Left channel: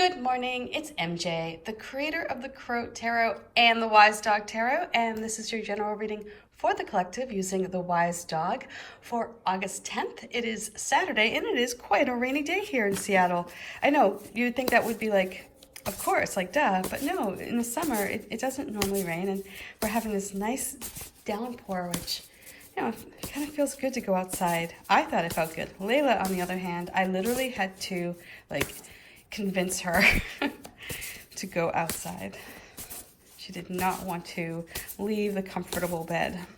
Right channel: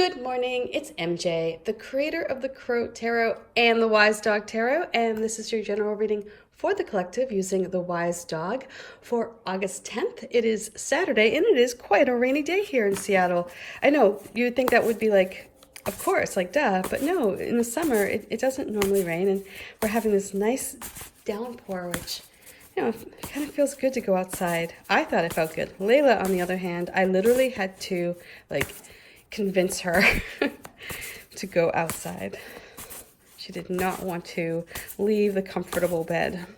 Good morning, it's MJ, the creator of the Crow Tarot and the Wise Dog Tarot, and this is your general reading for the collective using the Wise Dog for August 10th. It is Saturday, and it is quite a rainy day here in Seattle. I know, you'd think that would be like, of course, like duh, but no, in the summer, it doesn't normally rain, and we're having this nice downpour, which, you know, kind of feels good to go outside. I thought it felt good. Layla, on the other hand, I literally had to, convince her to go outside. She did not want to leave the comfortable bed.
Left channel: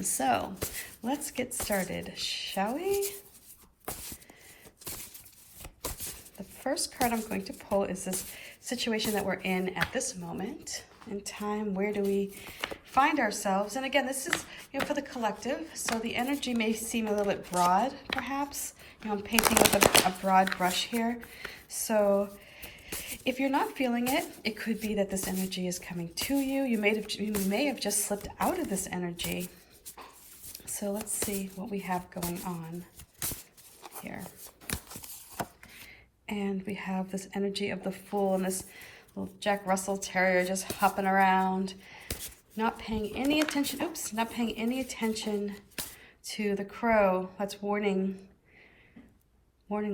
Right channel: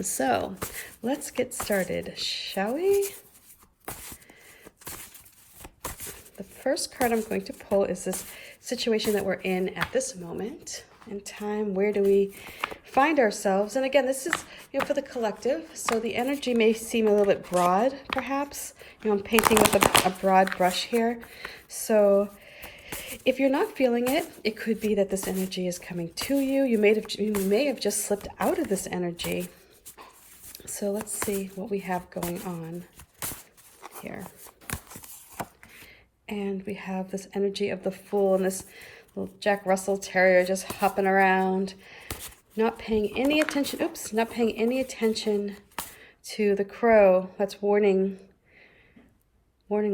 So let's get started, shall we? The first card I'm going to pull is this situation that we're in at this moment in time. Where do we find ourselves? And again, this is, for the collective. So the energy may seem a little bit broad, perhaps. I'm painting with a broad brush here. So if you're not feeling it, it could be that this energy is coming to you. You may have just slipped out of this energy. So let's see what we have going on here. And we have this energy of the Fool and this little Jack Russell Terrier just hopping around, not paying any attention. Not paying any attention to the crow that's warning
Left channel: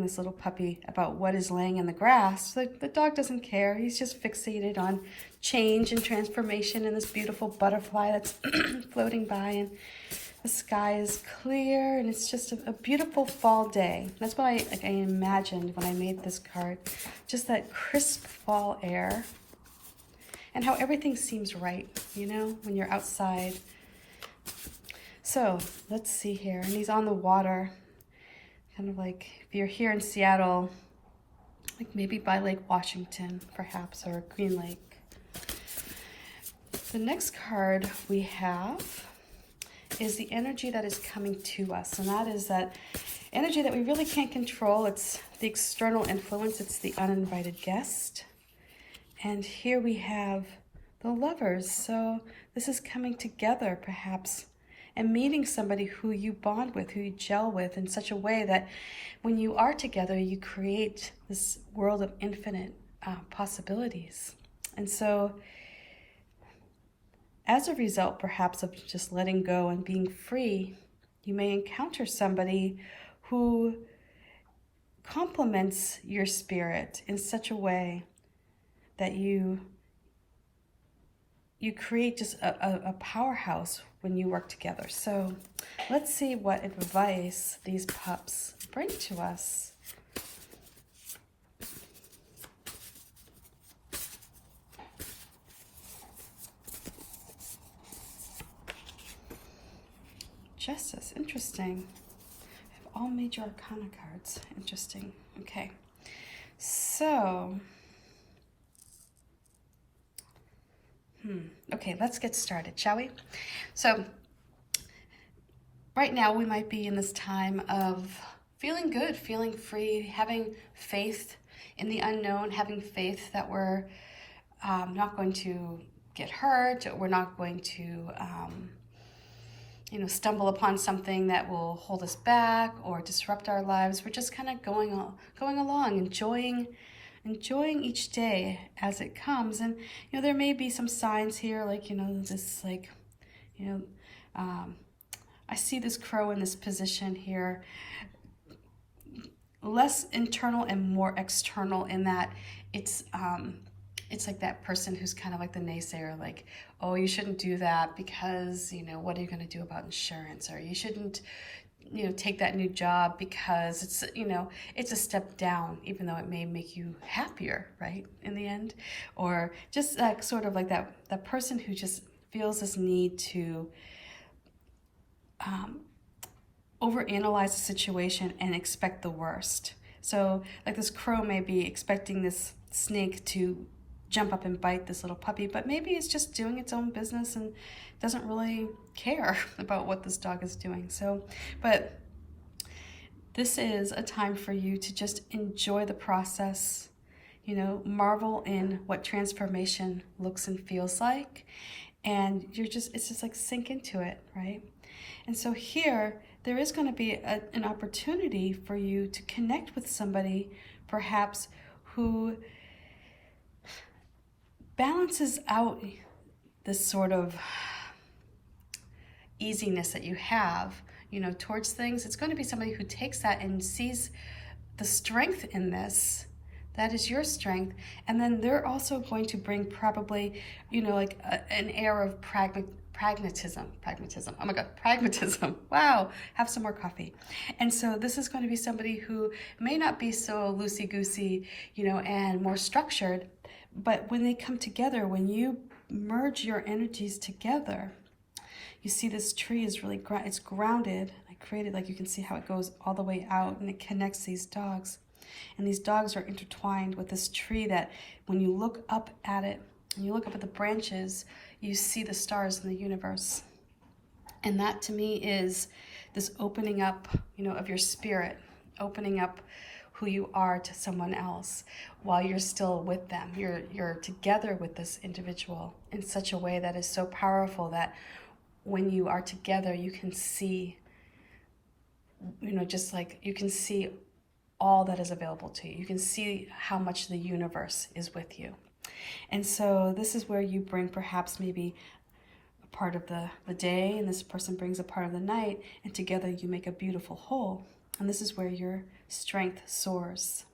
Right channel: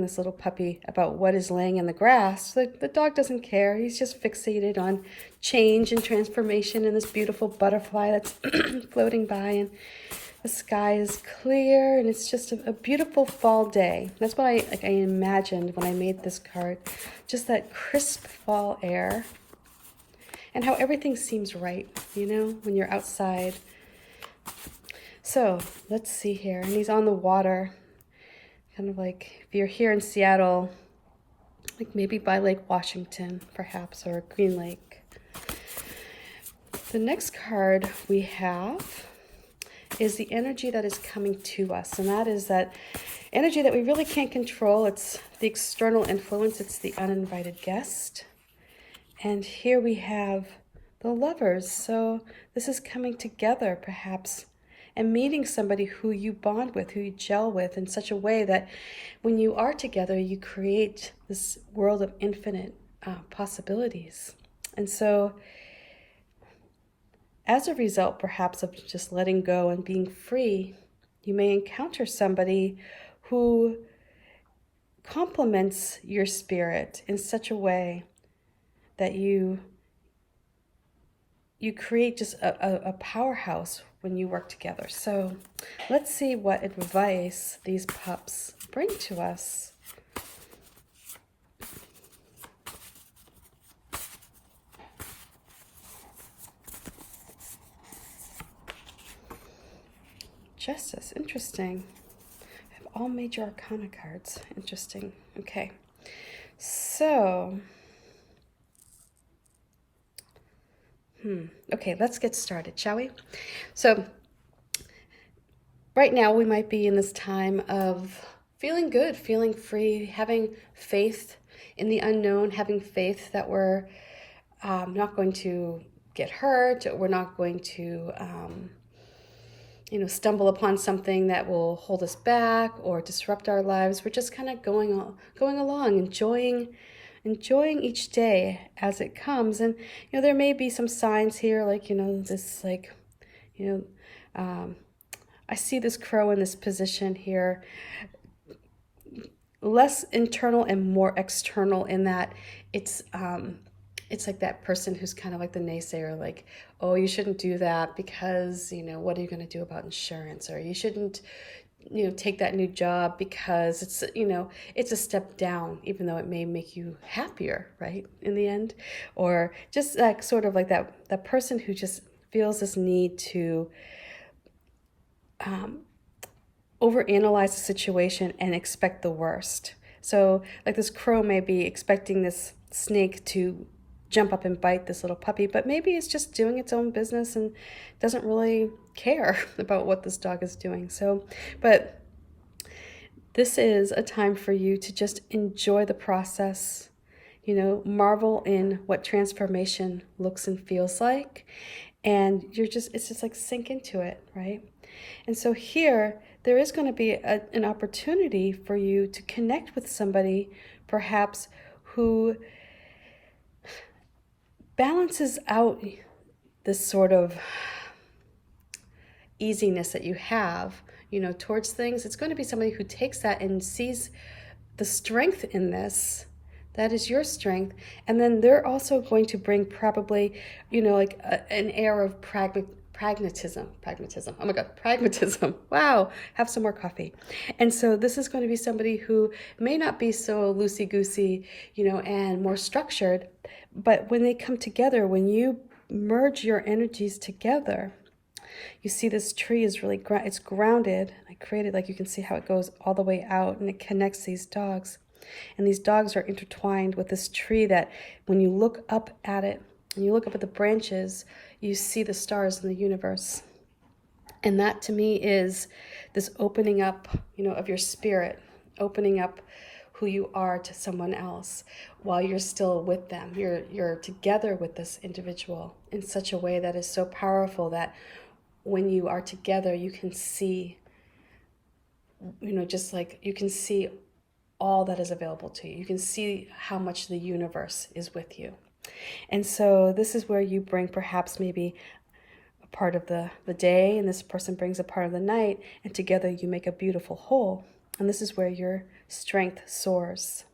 this little puppy about what is laying in the grass. The dog doesn't care. He's just fixated on change and transformation and this beautiful butterfly that's floating by, and the sky is clear, and it's just a beautiful fall day. That's what I imagined when I made this card. Just that crisp fall air and how everything seems right, when you're outside. So let's see here. And he's on the water, kind of like if you're here in Seattle, like maybe by Lake Washington, perhaps, or Green Lake. The next card we have is the energy that is coming to us, and that is that energy that we really can't control. It's the external influence. It's the uninvited guest. And here we have the Lovers. So this is coming together, perhaps, and meeting somebody who you bond with, who you gel with in such a way that when you are together, you create this world of infinite possibilities. And so as a result, perhaps, of just letting go and being free, you may encounter somebody who complements your spirit in such a way that you create just a powerhouse when you work together. So let's see what advice these pups bring to us. Justice, interesting. I have all major arcana cards. Interesting. Okay. So, okay, let's get started, shall we? So, right now we might be in this time of feeling good, feeling free, having faith in the unknown, having faith that we're not going to get hurt, we're not going to stumble upon something that will hold us back or disrupt our lives. We're just kind of going along, enjoying each day as it comes. And there may be some signs here, I see this crow in this position here, less internal and more external, in that it's like that person who's kind of like the naysayer, like, oh, you shouldn't do that because, what are you going to do about insurance? Or you shouldn't, take that new job because it's, it's a step down, even though it may make you happier, right, in the end. Or just like sort of like that person who just feels this need to overanalyze the situation and expect the worst. So like this crow may be expecting this snake to jump up and bite this little puppy, but maybe it's just doing its own business and doesn't really care about what this dog is doing. So, but this is a time for you to just enjoy the process, marvel in what transformation looks and feels like, and it's just like sink into it, right? And so here, there is going to be an opportunity for you to connect with somebody, perhaps, who balances out this sort of easiness that you have, towards things. It's going to be somebody who takes that and sees the strength in this. That is your strength. And then they're also going to bring probably, like an air of pragmatism. Oh my God, pragmatism. Wow, have some more coffee. And so this is going to be somebody who may not be so loosey-goosey, and more structured, but when they come together, when you merge your energies together, you see this tree is really, it's grounded. I created, you can see how it goes all the way out and it connects these dogs. And these dogs are intertwined with this tree that when you look up at it, and you look up at the branches, you see the stars in the universe. And that to me is this opening up, of your spirit, opening up who you are to someone else while you're still with them. You're together with this individual in such a way that is so powerful that when you are together, you can see, just like you can see all that is available to you. You can see how much the universe is with you. And so this is where you bring perhaps maybe a part of the day, and this person brings a part of the night, and together you make a beautiful whole. And this is where your strength soars.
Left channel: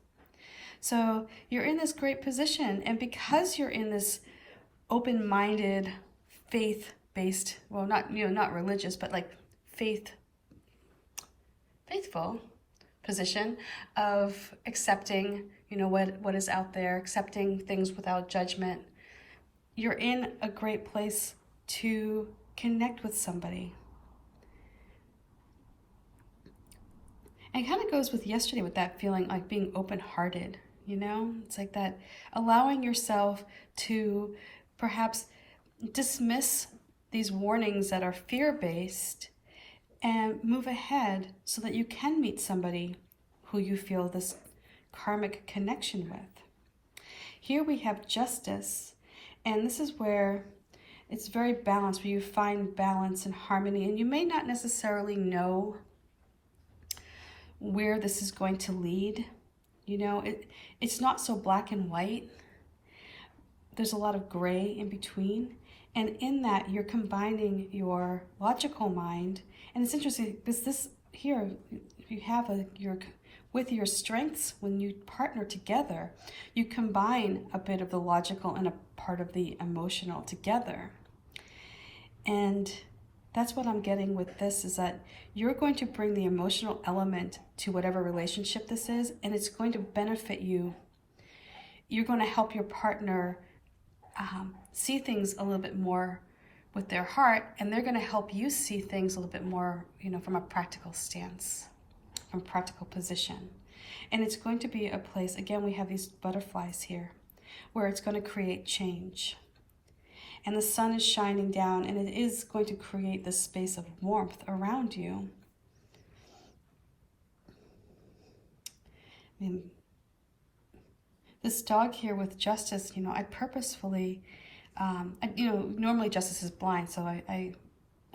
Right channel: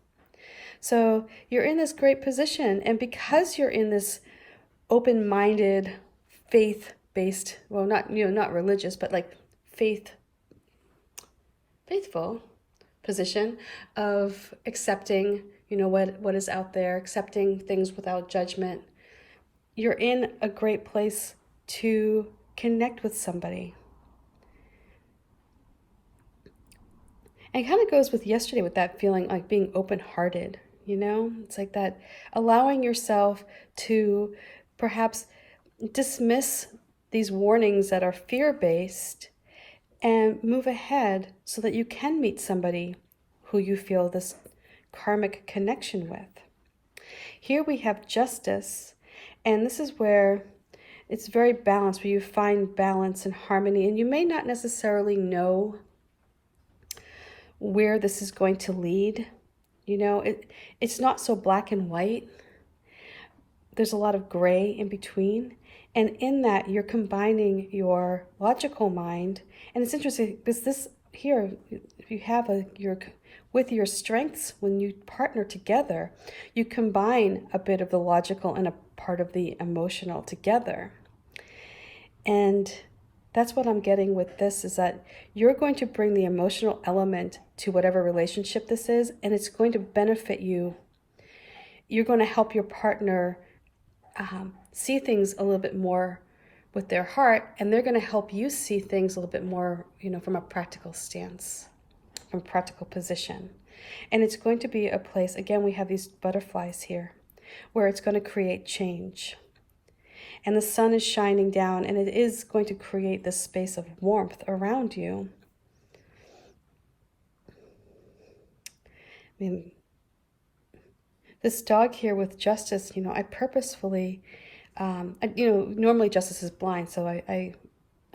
So you're in this great position, and because you're in this open-minded, faith-based, well, not religious, but like faithful position of accepting, what is out there, accepting things without judgment, you're in a great place to connect with somebody. And it kind of goes with yesterday with that feeling like being open-hearted, It's like that, allowing yourself to perhaps dismiss these warnings that are fear-based and move ahead so that you can meet somebody who you feel this karmic connection with. Here we have justice, and this is where it's very balanced, where you find balance and harmony, and you may not necessarily know where this is going to lead. It's not so black and white. There's a lot of gray in between. And in that, you're combining your logical mind. And it's interesting because this here, if you have with your strengths, when you partner together, you combine a bit of the logical and a part of the emotional together. And that's what I'm getting with this, is that you're going to bring the emotional element to whatever relationship this is, and it's going to benefit you. You're going to help your partner see things a little bit more with their heart, and they're going to help you see things a little bit more, from a practical stance, from a practical position. And it's going to be a place, again, we have these butterflies here, where it's going to create change. And the sun is shining down, and it is going to create this space of warmth around you. I mean, this dog here with Justice, I purposefully, normally Justice is blind, so I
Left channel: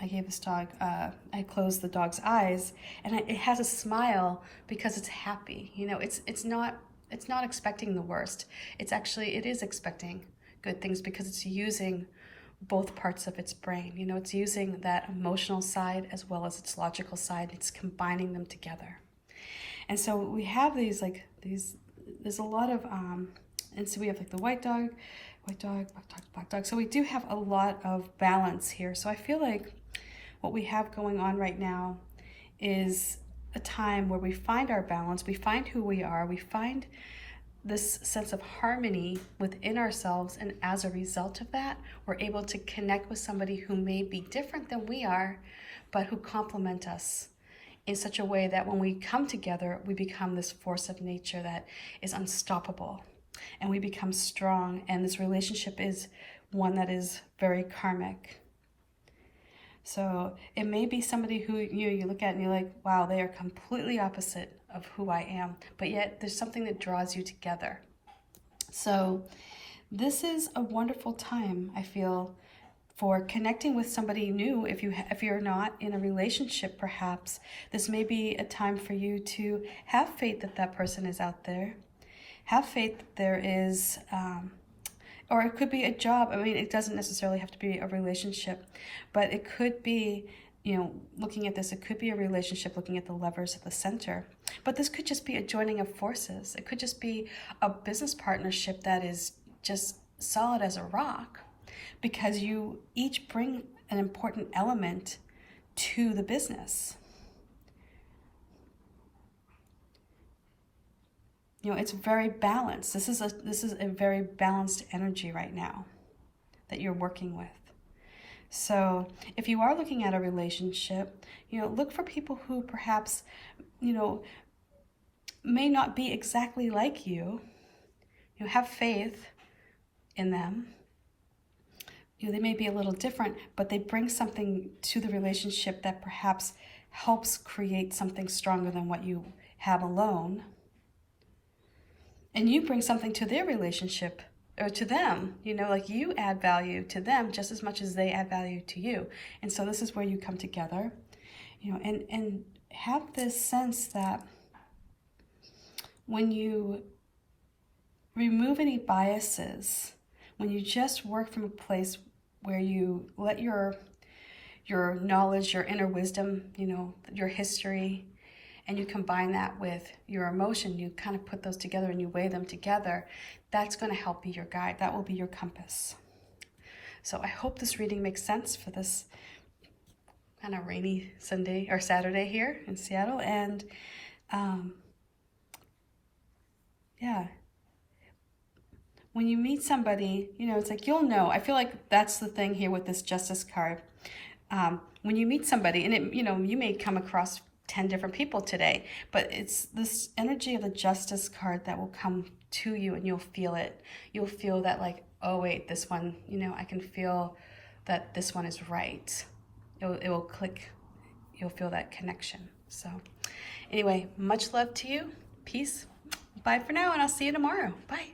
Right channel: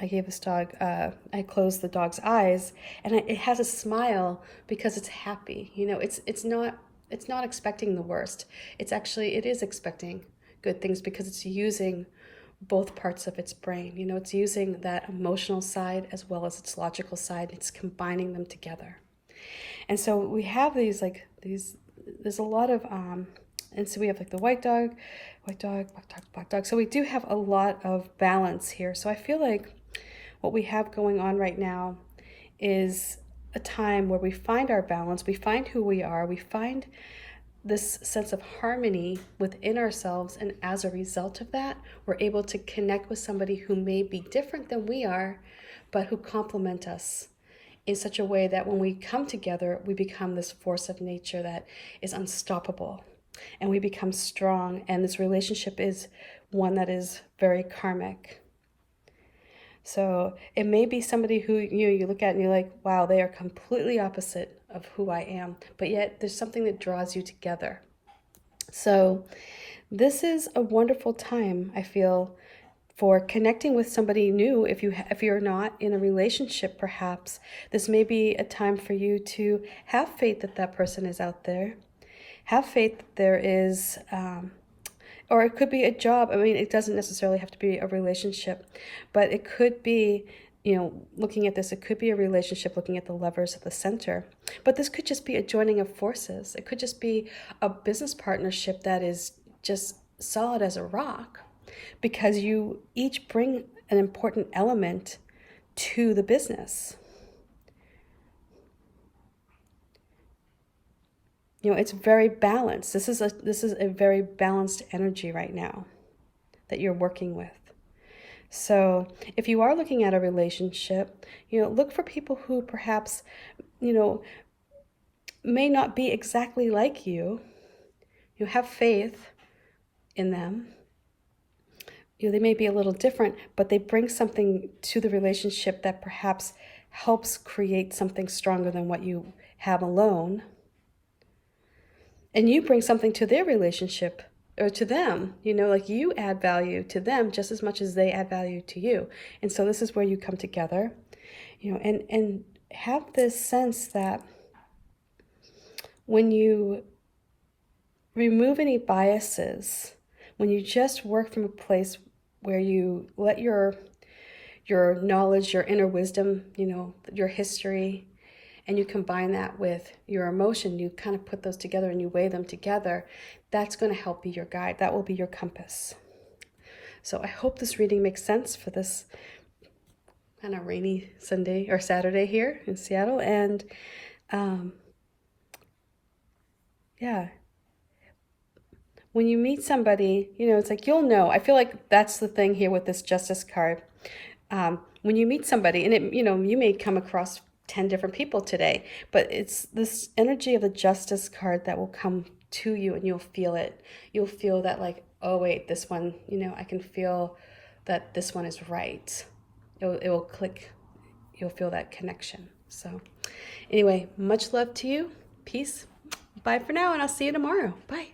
gave this dog, I closed the dog's eyes, and it has a smile because it's happy. It's not expecting the worst. It is expecting good things because it's using both parts of its brain. It's using that emotional side as well as its logical side. It's combining them together. And so we have these, there's a lot of, and so we have the white dog, black dog. So we do have a lot of balance here. So I feel like what we have going on right now is a time where we find our balance, we find who we are, we find this sense of harmony within ourselves, and as a result of that, we're able to connect with somebody who may be different than we are, but who complement us in such a way that when we come together, we become this force of nature that is unstoppable, and we become strong, and this relationship is one that is very karmic. So it may be somebody who you look at and you're like, wow, they are completely opposite of who I am, but yet there's something that draws you together. So this is a wonderful time, I feel, for connecting with somebody new. If you're not in a relationship, perhaps this may be a time for you to have faith that that person is out there, have faith that there is, or it could be a job. I mean, it doesn't necessarily have to be a relationship, but it could be, you know, looking at this, it could be a relationship, looking at the levers at the center. But this could just be a joining of forces. It could just be a business partnership that is just solid as a rock, because you each bring an important element to the business. You know, it's very balanced. This is a very balanced energy right now that you're working with. So if you are looking at a relationship, you know, look for people who perhaps, you know, may not be exactly like you. You have faith in them. You know, they may be a little different, but they bring something to the relationship that perhaps helps create something stronger than what you have alone. And you bring something to their relationship, or to them, you know, like you add value to them just as much as they add value to you. And so this is where you come together, you know, and have this sense that when you remove any biases, when you just work from a place where you let your knowledge, your inner wisdom, you know, your history, and you combine that with your emotion, you kind of put those together and you weigh them together, that's going to help be your guide. That will be your compass. So I hope this reading makes sense for this kind of rainy Sunday or Saturday here in Seattle. And yeah, when you meet somebody, you know, it's like, you'll know. I feel like that's the thing here with this Justice card. When you meet somebody, and it, you know, you may come across 10 different people today, but it's this energy of the Justice card that will come to you, and you'll feel it. You'll feel that, like, oh wait, this one, you know, I can feel that this one is right. It will click. You'll feel that connection. So anyway, much love to you. Peace. Bye for now, and I'll see you tomorrow. Bye.